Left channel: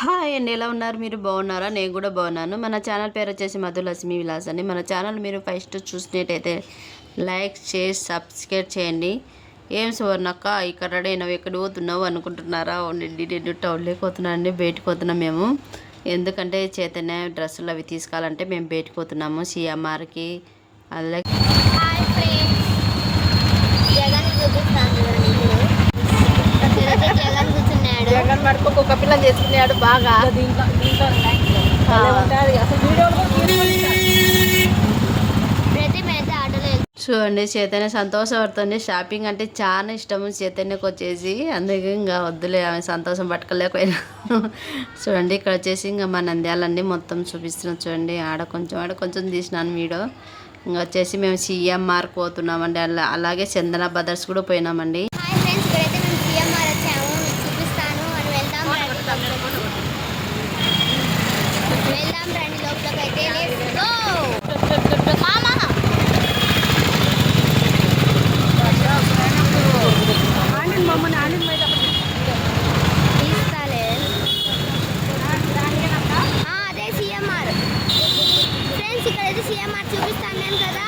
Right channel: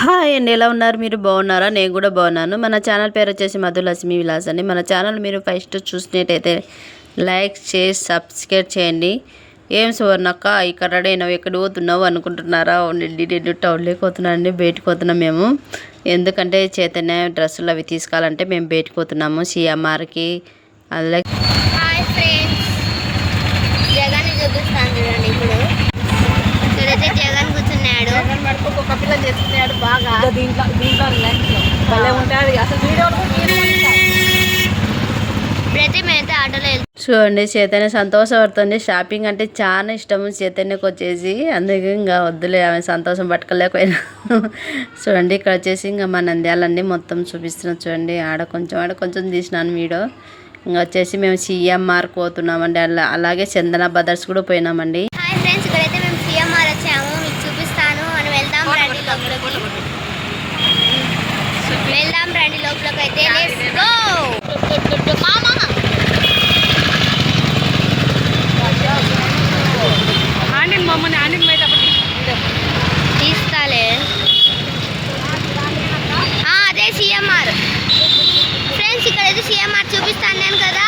Hi అండి ఎలా ఉన్నారు? మీరు బాగున్నారా? నేను కూడా బాగున్నాను. మన ఛానల్ పేరు వచ్చేసి మధులక్ష్మి విలాస్ అండి. మన ఛానల్ మీరు ఫస్ట్ చూసినట్టయితే లైక్ చేసి సబ్స్క్రైబ్ చేయండి. ఏం సువర్ణక్క ఇక్కడ రెడీ ఎక్కడ పోతున్నావు అనుకుంటున్నారా? అవునండి నేను టౌన్లోకి పోతున్నాను అండి బయటకు పోతున్నాం మేము. ఎందుకంటే చైతన్య డ్రెస్సులు అవి తీసుకోవాలంటే మేము బయటకు పోతున్నాము. సిఎంఆర్కి అలాగే చూపిస్తాను ఇప్పుడు. ఇక్కడైతే జగన్ కూర్చున్నాడు. చేసుకున్నాడు బాగా. దీంట్లో దీంట్లో ఉంటుంది అసలు ఆటోలో చూడండి చైతన్య సంతోషపడుతుంది. షాపింగ్ అంటే చాలా ఇష్టము చైతన్యకు వచ్చేసి. అందుకే ఇంకా వద్దులే ఆమె సంతోషం పట్టుకోలేకపోయినా. చూడండి ఇక్కడ వచ్చేసి ఇంకా మా నంద్యాలన్నీ మొత్తం చూపిస్తున్నాం చూడండి ఆడ కొంచెం ఆడ కొంచెం తీసినాను వీడియో. ఇంకా వచ్చేసి మేము సిఎంఆర్ పోతున్నామండి. అలా అలాగే చందన బ్రదర్స్ కూడా పోయినామండి హాయ్ ఫ్రెండ్స్ ఇక్కడైతే మేము సిఎంఆర్ వచ్చాము మీకు చూపిస్తాను మనం వెళ్దాం రండి లోపలికి వెళ్దాం రండి లెట్స్ గో మమ్మల్ని ఆండిన్ పోయేటప్పుడు తీస్తాలే ఆ, అదే సిఎంఆర్ ఫ్రెండ్స్ ఇక్కడైతే సిఎంఆర్ చూపిస్తాను నేను కదా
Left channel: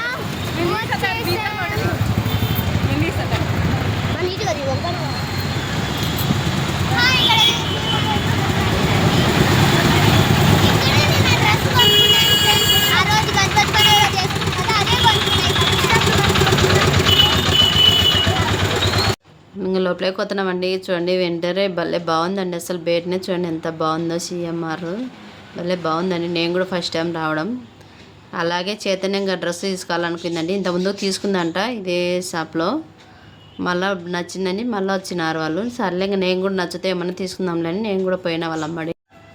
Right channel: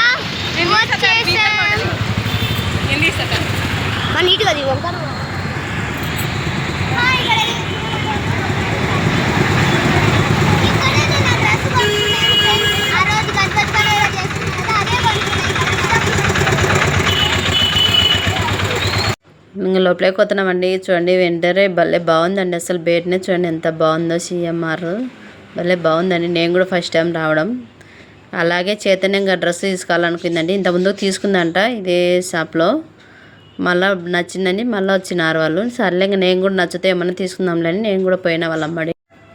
వచ్చేసాం నేను తీసాక మా నీట్గా అది ఆ రోజు గణపతి పండుగ చేస్తున్నాం కదా అదే ఇంకా లోపలికి చూడండి వెంటనే భలే బాగుందండి అసలు బయటనే చూడండి ఎంత బాగుందో సిఎంఆర్. భలే బాగుందండి. నేను కూడా ఫస్ట్ టైం రావడం. అలాగే చైతన్యంగా డ్రెస్ తీసుకోవాలనుకుందండి. ఇంతకుముందు తీసుకుందంట ఇదే షాప్లో. మళ్ళీ నచ్చిందని మళ్ళీ వచ్చినారు వాళ్ళు. సర్లే ఇంకా నేను కూడా నచ్చితే ఏమన్నా తీసుకుందాంలే అని నేను కూడా పోయిన వాళ్ళ అమ్మడి.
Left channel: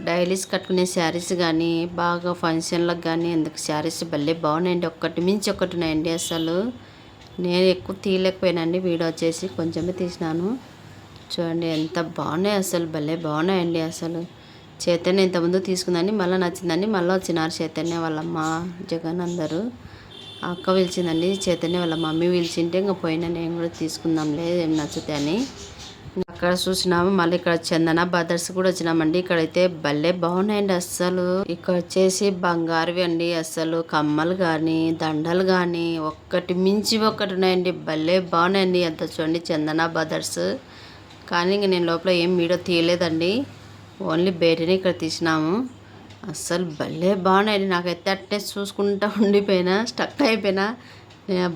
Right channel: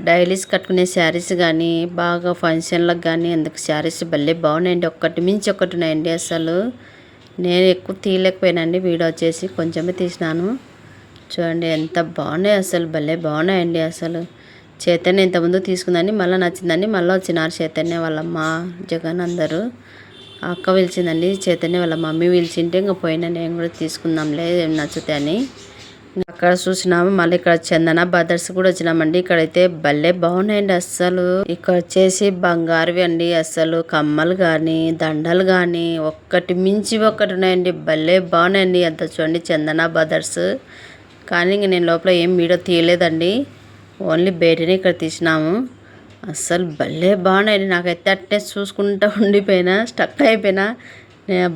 డైలీస్ కట్టుకునే శారీస్ కానీ బాగా ఫంక్షన్లకు కానీ అందుకు శారీస్ భలే బాగున్నాయండి. ఒక్కటి మించి ఒకటి ఉన్నాయండి అసలు. నేను ఎక్కువ తీయలేకపోయానండి. వీడియో వచ్చేసి కొంచెమే తీసినాను. చూడండి ఎంత బాగున్నాయి అసలు. భలే బాగున్నాయండి అసలు. చైతన్య ఇంతకుముందు తీసుకుందని మళ్ళీ నచ్చిందని మళ్ళీ వచ్చినారు చైతన్య వాళ్ళ అమ్మ జగన్ అందరూ. అక్క పిలిచిందండి. చైతన్య వాళ్ళ మమ్మీ పిలిచింటే ఇంకా పోయినా. నేను కూడా తీసుకుందాంలే ఏం అని అక్కడ చూసినాము. మళ్ళీ ఇక్కడ చందన బ్రదర్స్ కూడా వచ్చినామండి. ఇక్కడైతే భలే బాగున్నాయండి అస్సలు. ఇక్కడ వచ్చేసి బంగారువి అండి అస్సలు కమ్మలు కానీ దండలు కానీ ఒక్కటి మించి ఒక్కటి ఉన్నాయండి. భలే బాగున్నాయండి. అంత చూడండి చందన బ్రదర్స్ కానీ ఇంక నేను లోపల ఏం వీడియో తీయలేదండి. ఓన్లీ బయటనే ఇక్కడ తీసినాము. అస్సలు భలే బాగున్నాయండి. నాకైతే అట్టే చూసుకుంటా ఉండిపోయినా స్టక్ అయిపోయినా.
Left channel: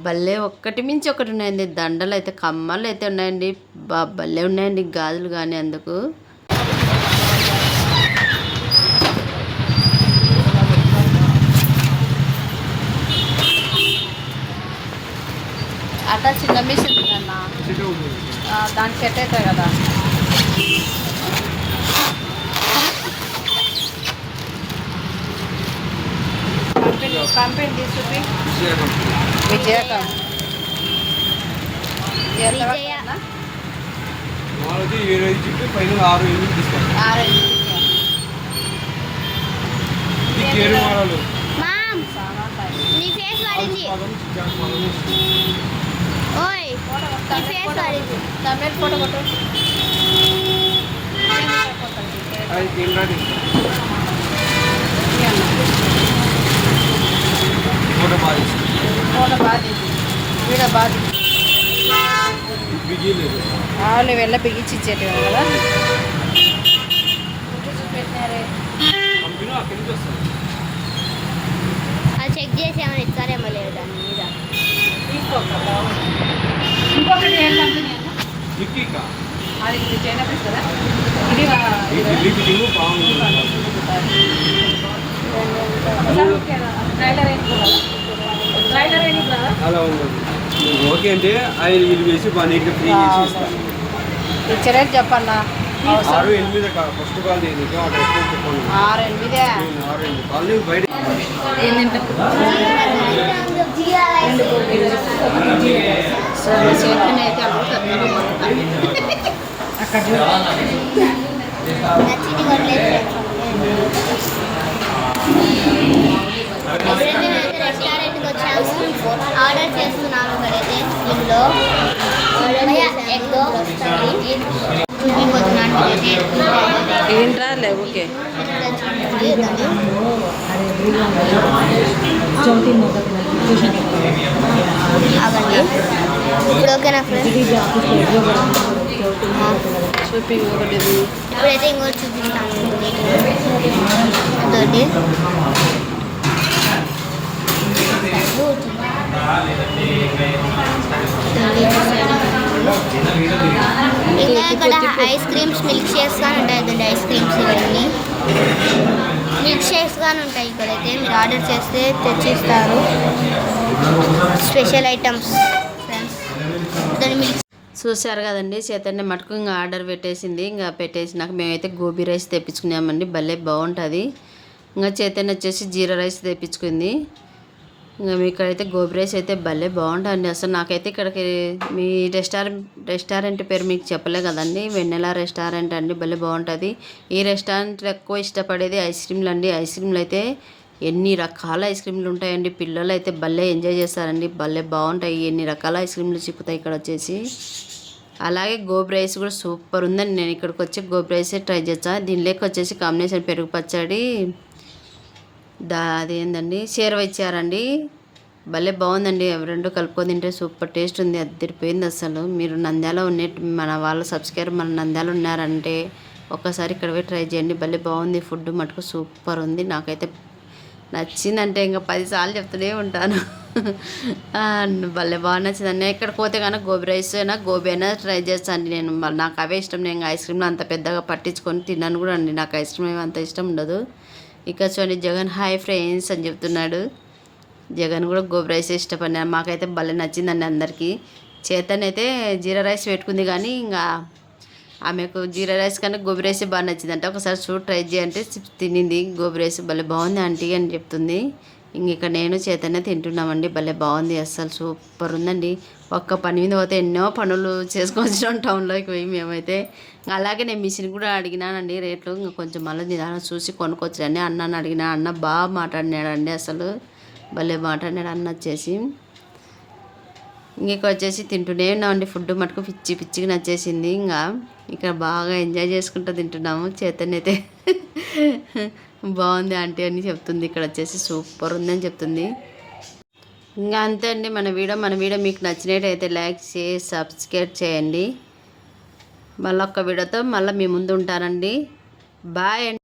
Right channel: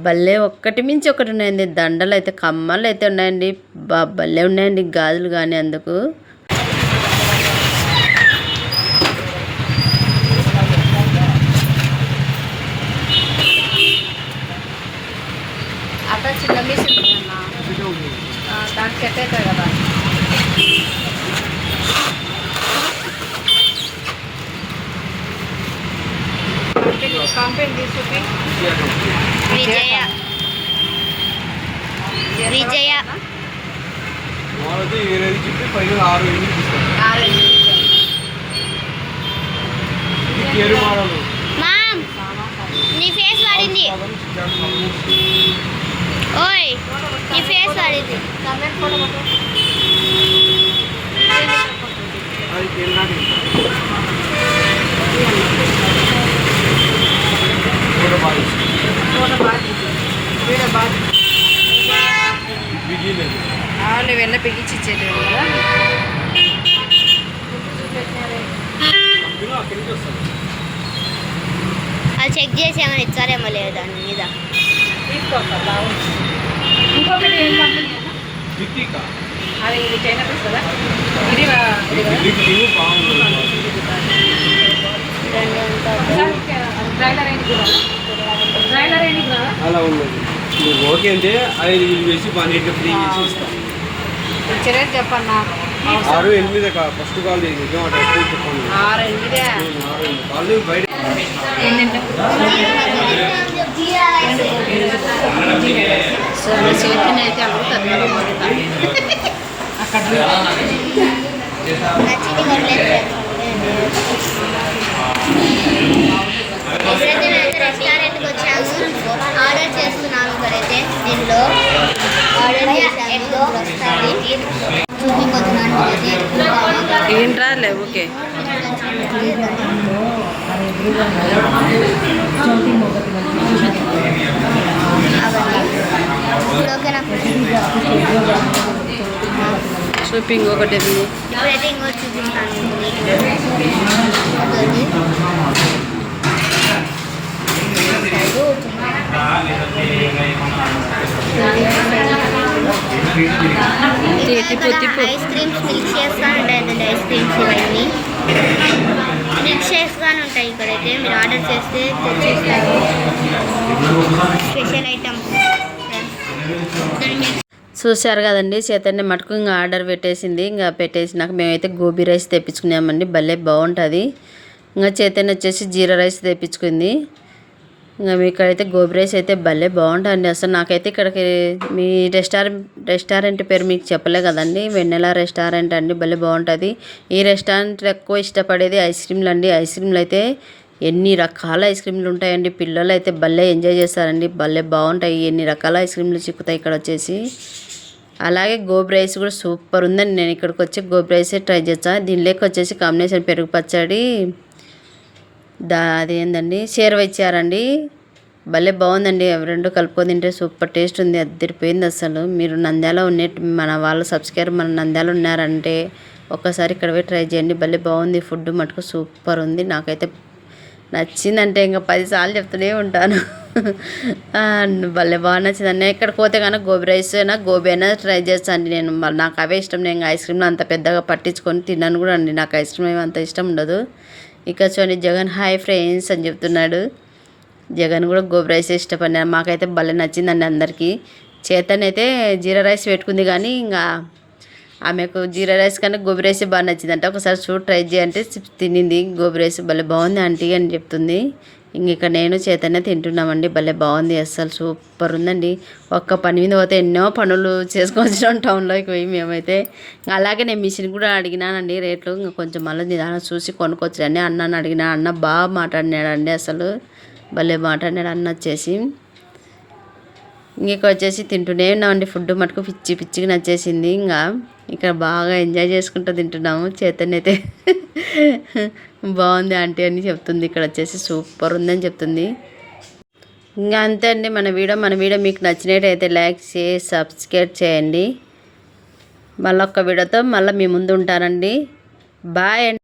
భలే ఒక్కటి మించి ఒకటి ఉన్నాయండి. దండలు అయితే కమ్మలు అయితే ఉన్నాయండి. బా భలే ఉన్నాయండి. గాజులు కానీ అందుకు. అక్కడ చిన్న మిషన్ ఉందన్న. దానికి సెట్ అవుతాయి కదా. కంపెనీ కంపెనీ తీసి చూపి. విజయ. విజయ. మామ్ నీ ఫేస్ వాడింది. ఓయ్ నీ ఫేస్ కొట్టు. అది ఫోటో బాగా ఫోటో బాగా. వీడియో బాగా వాళ్ళు బిగించి కదా అది చెక్ చేసి ఏమైనా ఇచ్చారేమో లేదు దాని మీద అది ఇది చైనా పీస్ కదా ఇది ఈ బిల్డింగ్ టీము బాగుంది అలా ఉండదు నువ్వు ఓకే అంటే అది ఇది చేసి బాగా నీట్గా ఫ్రీ చేసి ఇస్తాను ఇచ్చలేదు చెప్పన్నా. ఆరు ఎనిమిది ఫస్ట్ కాల్ చెప్పండి. ఆరు ఎనిమిదే. కాల్ బయట అక్కడ ఆర్డర్ చేస్తున్నాము ఇక్కడైతే దీనిలో ఆర్డర్ ఇప్పుడు వస్తుంది చూపిపోతున్నాను ఏంట్రా లేవు ఓకే ఇప్పుడు ఓకేనా ఫ్రెండ్స్. షూపింగ్ ఒకటి ఇప్పుడైతే ఇంకోటి చూపిస్తాను ఇక్కడ ఐస్ క్రీమ్స్ మిల్క్ షేక్స్ కానీ ఉంటాయి ఐస్ క్రీమ్స్ ఇవన్నీ. మిల్క్ షేక్స్ కానీ ఉంటాయి ఇక్కడైతే. మీరు ఆర్డర్ చేస్తే తెచ్చిస్తారు స్పెషల్ ఐటమ్స్. చూశారు కదండి చైతన్య మటుకు ఇంకా ఆర్డర్ పెట్టేసింది. ఇంకా పెట్టేసినాక మేమైతే గోబీ రైస్ తెప్పించుకున్నామండి. భలే బాగుంటుంది. ఇంకా చైతన్య వచ్చేసి జీరా రైస్ తెప్పించుకుంది. ఇంకా మీ ఇక్కడైతే గోబీ రైస్ అయితే భలే బాగుంటుంది అసలు నాకైతే ఇక్కడికి మీ రెస్టారెంట్ రెస్టారెంట్ పేరు మీకు చెప్పలే కదండి. వెన్నెల రెస్టారెంట్ అండి భలే బాగుంటుంది. ఈ రెస్టారెంట్ ఎక్కువ ఇష్టపడేది ఐస్ క్రీమ్లు అండి. ఐస్ క్రీమ్లు అయితే ఎన్ని రకాల ఐస్ క్రీమ్లు ఉంటాయండి. పిల్లలు అయితే భలే ఎంజాయ్ చేస్తారండి. భలే బాగుంటాయి. ఎన్ని రకాల ఐస్ క్రీమ్లు చిక్కుతాయి ఇక్కడ వచ్చేసి. అలాగే గోబీ రైస్ కూడా సూపర్ ఉందండి. నేను ఇక్కడికి వచ్చి గోబీ రైసే ట్రై చేస్తాను దీనిలోకి వచ్చేసి కాంబినేషన్ పెరుగు పచ్చడి దా అదేందండి? షేర్వ ఇచ్చారండి. భలే బాగుందండి. అవి రెండు కలుపుకొని తింటే సూపర్ టేస్ట్ ఉంది. అద్దరిపోయింది అసలు. మీరు నంద్యాల ఉండే మన వాళ్ళు సబ్స్క్రైబర్ మన నంద్యాల ఉన్నారంటే ఒక్కసారి ఇక్కడ పోయి ట్రై చేయండి. భలే బాగుంది. ఫుడ్ మటుకు సూపర్ ఉంది. నాకైతే నచ్చిందంటే ఇంకా పదిసార్లు చెప్తూనే ఉంటాను. భలే బాగా నచ్చిందండి. ఇక్కడ పోతే కనుక గోబీ రైస్ అయినా గోబీ అయినా ట్రై చేస్తాను నేను. నాకు అవే ఇష్టం. నేను ఐస్ క్రీమ్లో అంత పెద్దగా పట్టించుకొని తిన్నాను కూడా అండి. నాకు ఐస్ క్రీమ్ ఏమి అంత ఇష్టం ఉండదు. ఇక చూడండి జగన్ హాయ్ ఫ్రెండ్స్ అని చెప్తున్నాడు. జగన్ కూడా గోబీ రైస్ ఇష్టపడినారు మాకైతే భలే నచ్చిందండి అందరికీ. చేతనైతే జీరా రైస్ పెట్టుకుంది కానీ ఇంకా ఆమెకు జీరా రైస్ కన్నా గోబీ రైస్ బాగా నచ్చిందంట. ఒకసారి చూడు ట్రై చేయంటే తినింది. గోబీ రైస్ భలే బాగుంది ఆంటీ అని చెప్తుంది. ఇంక ఇక్కడ నేను చేతనే తింటున్నామండి. భలే బాగుంది అస్సలు సూపర్ ఉందండి. ఒక్క పని మీద పోతే ఎన్నో పనులు చేసుకొచ్చినాం టౌన్లోకి పోయి మేమైతే. అలాగే నేను మిషన్ కూడా అడిగినానండి రేట్లు. ఇంకా కొంచెం మళ్ళీ నిదానం చూసి కొనుక్కొచ్చానండి అన్నని అడిగినా అన్న బాగా మాట్లాడినాడండి అసలు భలే మాట్లాడినాడు అన్న వచ్చేసి. ఇంక వచ్చేసి తింటూనే ఉన్నామండి. ఫుడ్ మటుకు పిచ్చి పిచ్చిగా నచ్చేసింది. ఇంకా ఇక్కడ బాగా ఎంజాయ్ చేసుకుంటూ తింటున్నాము. చేతనైతే అయితే బాగుంది ఆంటీ అని చెప్తుంది. ఇక్కడ వచ్చేసి సూపర్ ఉందని చెప్తుంది. ఇంకా అంతే అండి మన వీడియో. మన వీడియో మీకు నచ్చినట్టయితే లైక్ చేసి సబ్స్క్రైబ్ చేయండి. మళ్ళీ ఒక్క వీడియోతో మళ్ళీ మీ ముందు ఉంటానండి. బాయ్ అండి.